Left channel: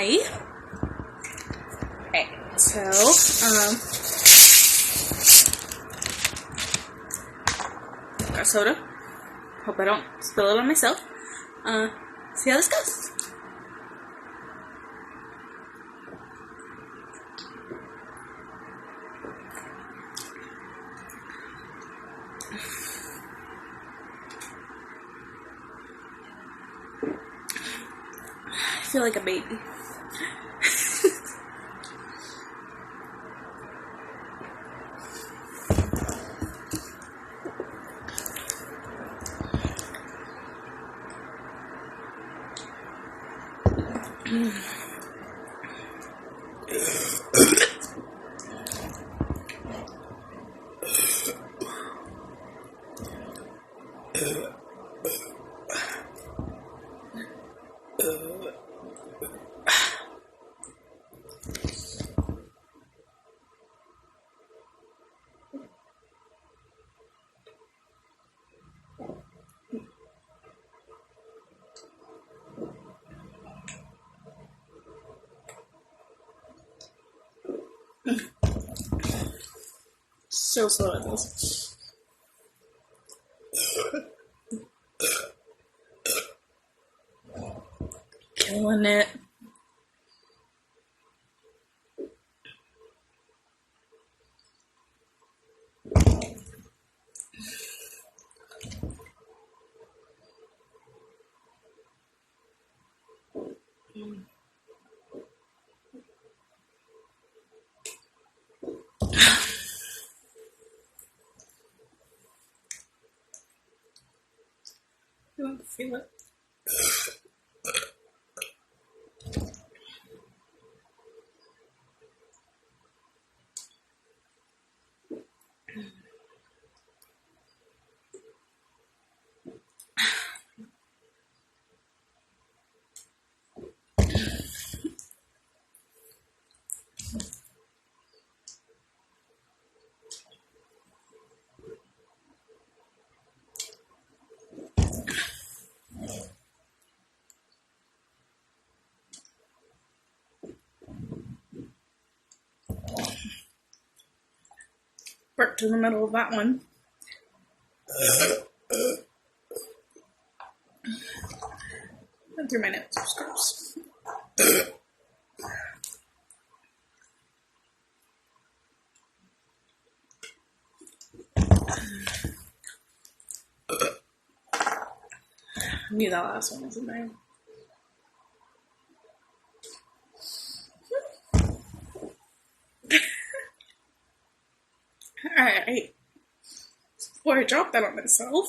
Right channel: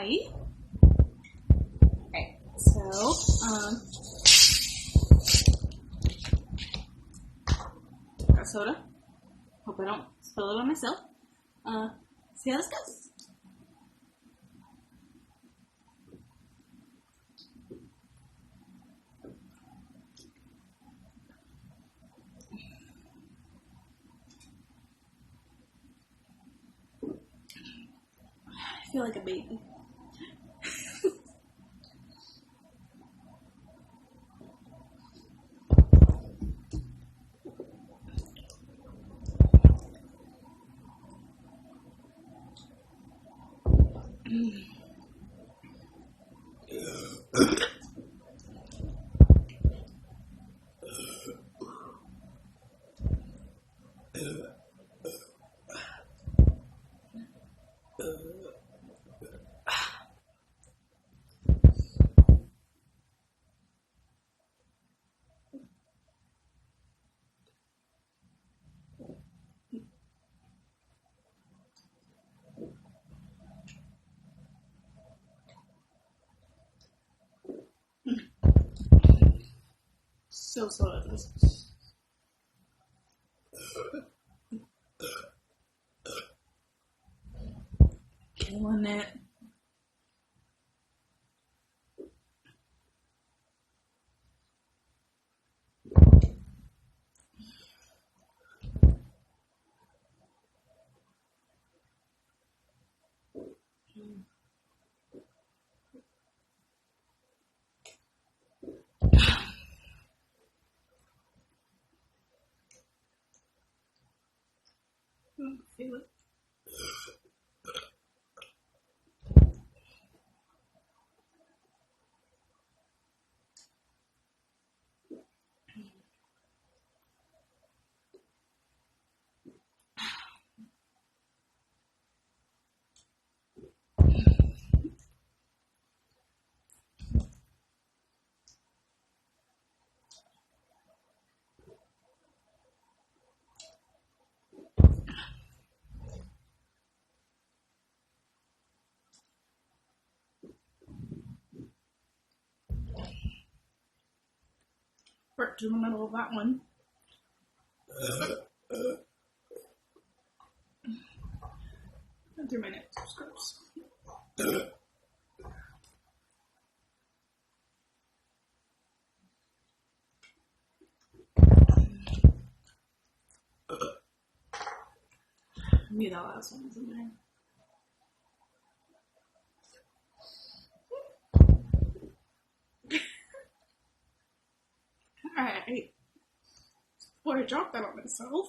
Hi. Okay, so, got soda. Hope I don't spill it on myself. See how this goes. I feel like a baby. So slow at this. Killing it. You want to feel it? Worked in the middle of that one. Went through my notes, of course. I knew that last one was in there. Alright. Before I drop that on myself,